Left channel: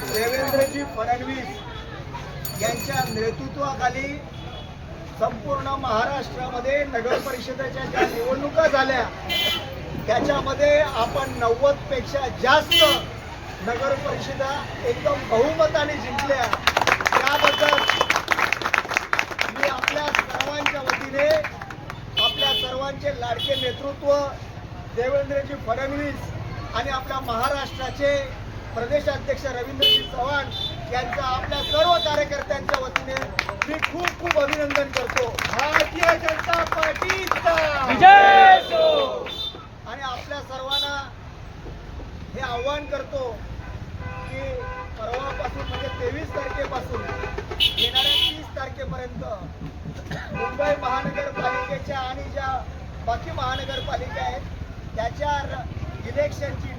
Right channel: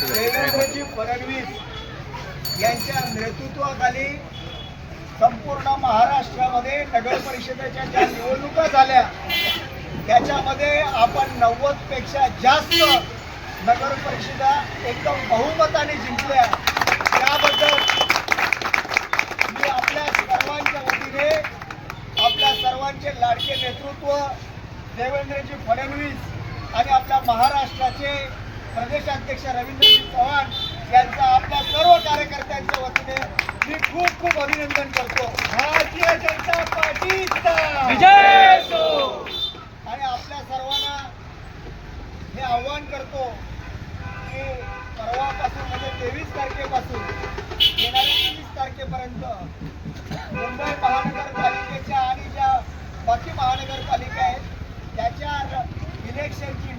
देवेंद्रजी फडणवीस यांच्या नेतृत्वाखाली संपूर्ण महाराष्ट्रामध्ये नगर परिषदेच्या ज्या निवडणुका झाल्या त्याच्यामध्ये आपण 90 पेक्षा जास्त नगर परिषदा एकदम बहुमताने जिंकल्या। त्याबद्दल मी आपल्या सर्वांच्या वतीने आपल्या सर्वांचे लाडके नेतृत्व देवेंद्रजी फडणवीस आणि आपल्या महाराष्ट्राचे प्रदेशाध्यक्ष रवींद्रजी चव्हाण यांचा आपल्या सर्व कार्यकर्त्यांच्या वतीने मी खूप खूप अभिनंदन करतो। भारतीय जनता पार्टीचा विजय असो। आणि आपल्या सर्वांना हे आव्हान करतो की परवापासून म्हणजे 23 तारखेपासून येणाऱ्या 30 तारखेपर्यंत मुंबई महानगरपालिकेच्या आणि ज्या बाकी महानगरपालिका आहेत त्याच्या इलेक्शनची